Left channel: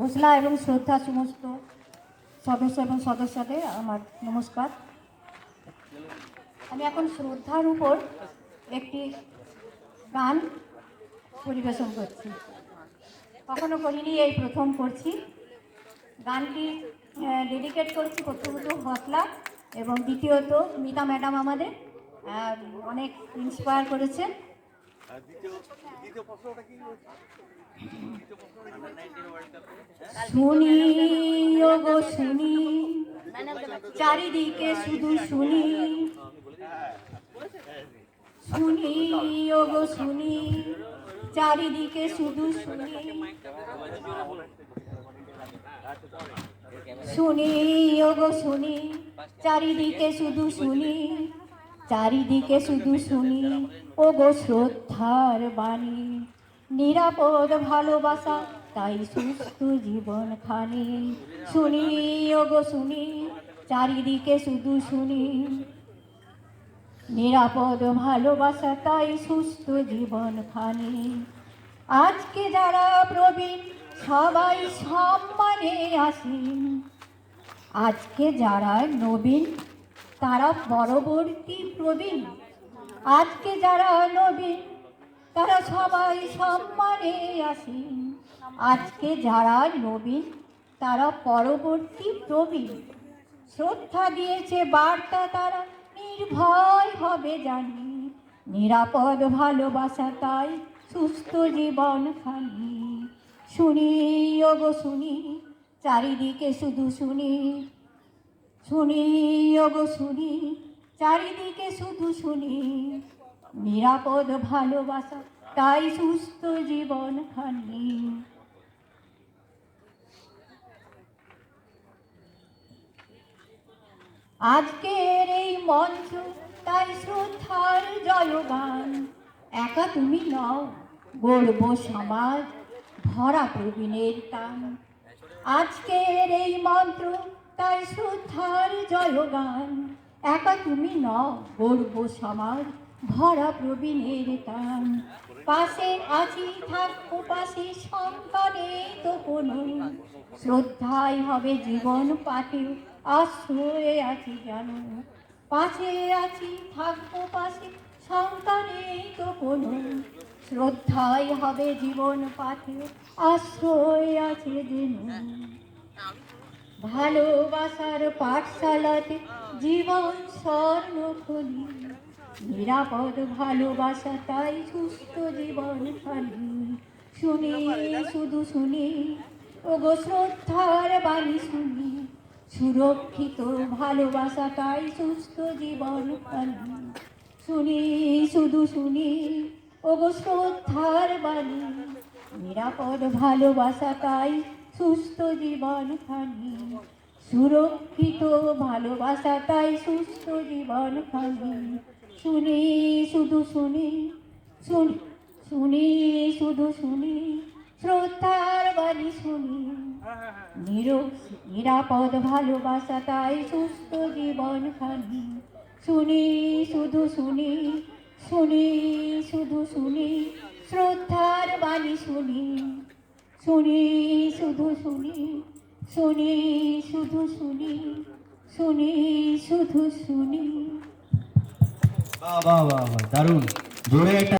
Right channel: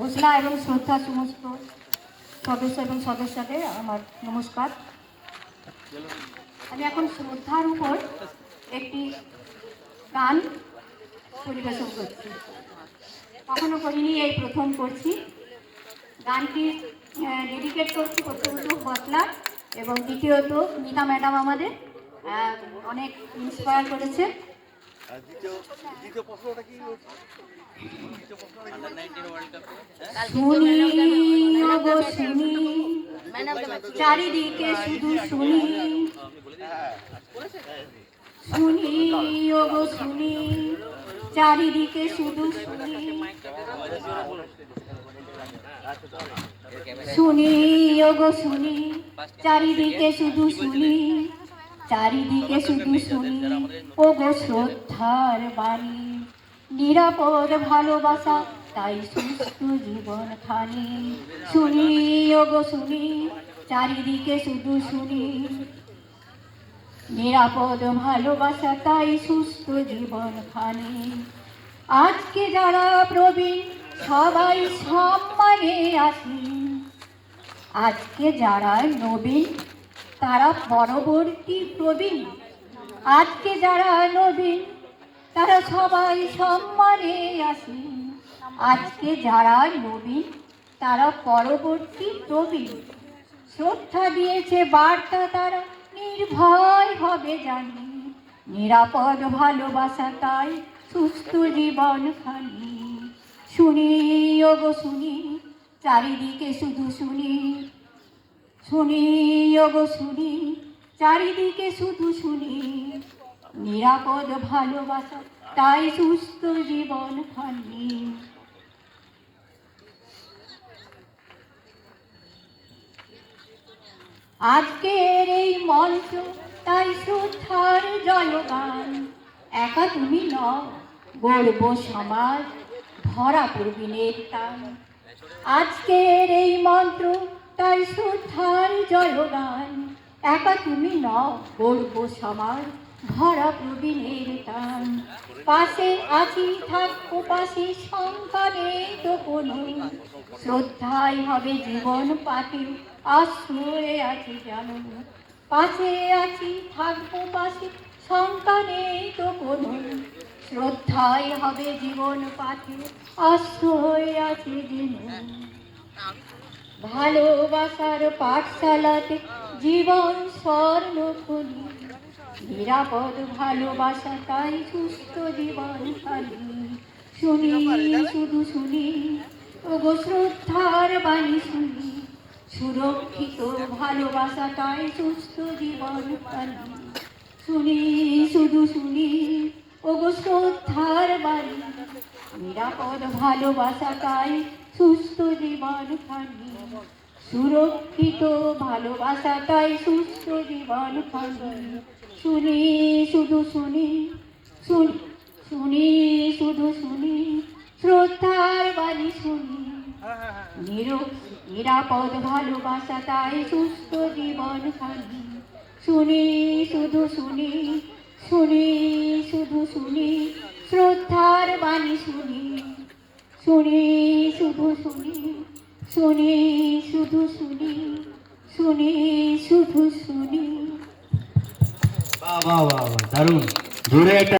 ঘোষণা এবং শ্রদ্ধা সমস্ত সদস্য এবং সদস্যদের আমার নমস্কার। আমি এখন শ্রদ্ধার উপর একটি গান পরিবেশন করছি, কখনো করিনি, এই প্রথম করছি। গানটি ডেডিকেট করছি প্রথমত বসলা এবং দ্বিতীয়ত মিতা ম্যাডাম আমাদের অনেক ইন্সপায়ার করেছে। শুনি ওগো শুনি, চারিদিকে শুধু শুনি, শুনি ওগো শুনি, চারিদিকে শুধু শুনি, শুনি ওগো শুনি, চারিদিকে শুধু শুনি, চারিদিকে শুধু শুনি ওগো শ্রদ্ধার বাণী, নিরাপদ ভালোবাসা তাই সুস্থ জীবন খানি। শুনি ওগো শুনি, চারিদিকে শুধু শুনি, নিরাপদ ভালোবাসা তাই সুস্থ জীবন খানি। আজকে যারা প্রবীণ সবাই সম্মানে আসেন, আজকে যারা নবীন তারা পরবর্তী প্রবীণ, আজকে যারা নবীন তারা সবাই সম্মানে আসেন, আজকে যারা নবীন তারা পরবর্তী প্রবীণ। শ্রদ্ধা দিয়েছে বার্তা তারা নির্ভয় হবে জানি, নিরাপদ ভালোবাসা তাই সুস্থ জীবন খানি। শুনি ওগো শুনি, চারিদিকে শুধু শুনি, শুনি ওগো শুনি, চারিদিকে শুধু শুনি, নিরাপদ ভালোবাসা তাই সুস্থ জীবন খানি। আজকের এই মঞ্চ তাই শ্রদ্ধার জয়গান, একা তুমি নও গর্ব সমাজ ভরা প্রবীণের টান। আজকের এই মন্ত্র তাই শ্রদ্ধার জয়গান, একা তুমি নও গর্ব সমাজ ভরা প্রবীণের টান। পাশে আছি থাকবো পাশে শঙ্কা নেই তো কোনো, শ্রদ্ধাই হবে জীবন পাতি আশ্রয়ে আছি জানো। পাশে আছি থাকবো পাশে শঙ্কা নেই তো কোনো, শ্রদ্ধাই হবে জীবন পাতি আশ্রয়ে আছে যেন। ভালোবাসার পাঠশালাতে জীবন স্বর্ণধ্বনি, নিরাপদ ভালোবাসা তাই সুস্থ জীবন খানি। শুনি শুধু শুনি ওগো শ্রদ্ধার বাণী শুনি, সুরক্ষিত ভালোবাসা তাই সুস্থ জীবন খানি। শুনি শুধু শুনি ওগো শ্রদ্ধার বাণী, নিরাপদ ভালোবাসা তাই সুস্থ জীবন খানি। সুরক্ষিত ভালোবাসা তাই সুস্থ জীবন খানি। শুনি শুধু শুনি, শুনি শুধু শুনি, শ্রদ্ধার বাণী শুনি, নিরাপদ ভালোবাসা তাই সুস্থ জীবন খানি। শুনি শুধু শুনি, শুনি শুধু শুনি, শ্রদ্ধার বাণী শুনি, শুনি শুধু শুনি, শুনি শুধু শুনি, শুনি শুধু শুনি। বাহ বাহ বাহ, দারুণ জোরে একটা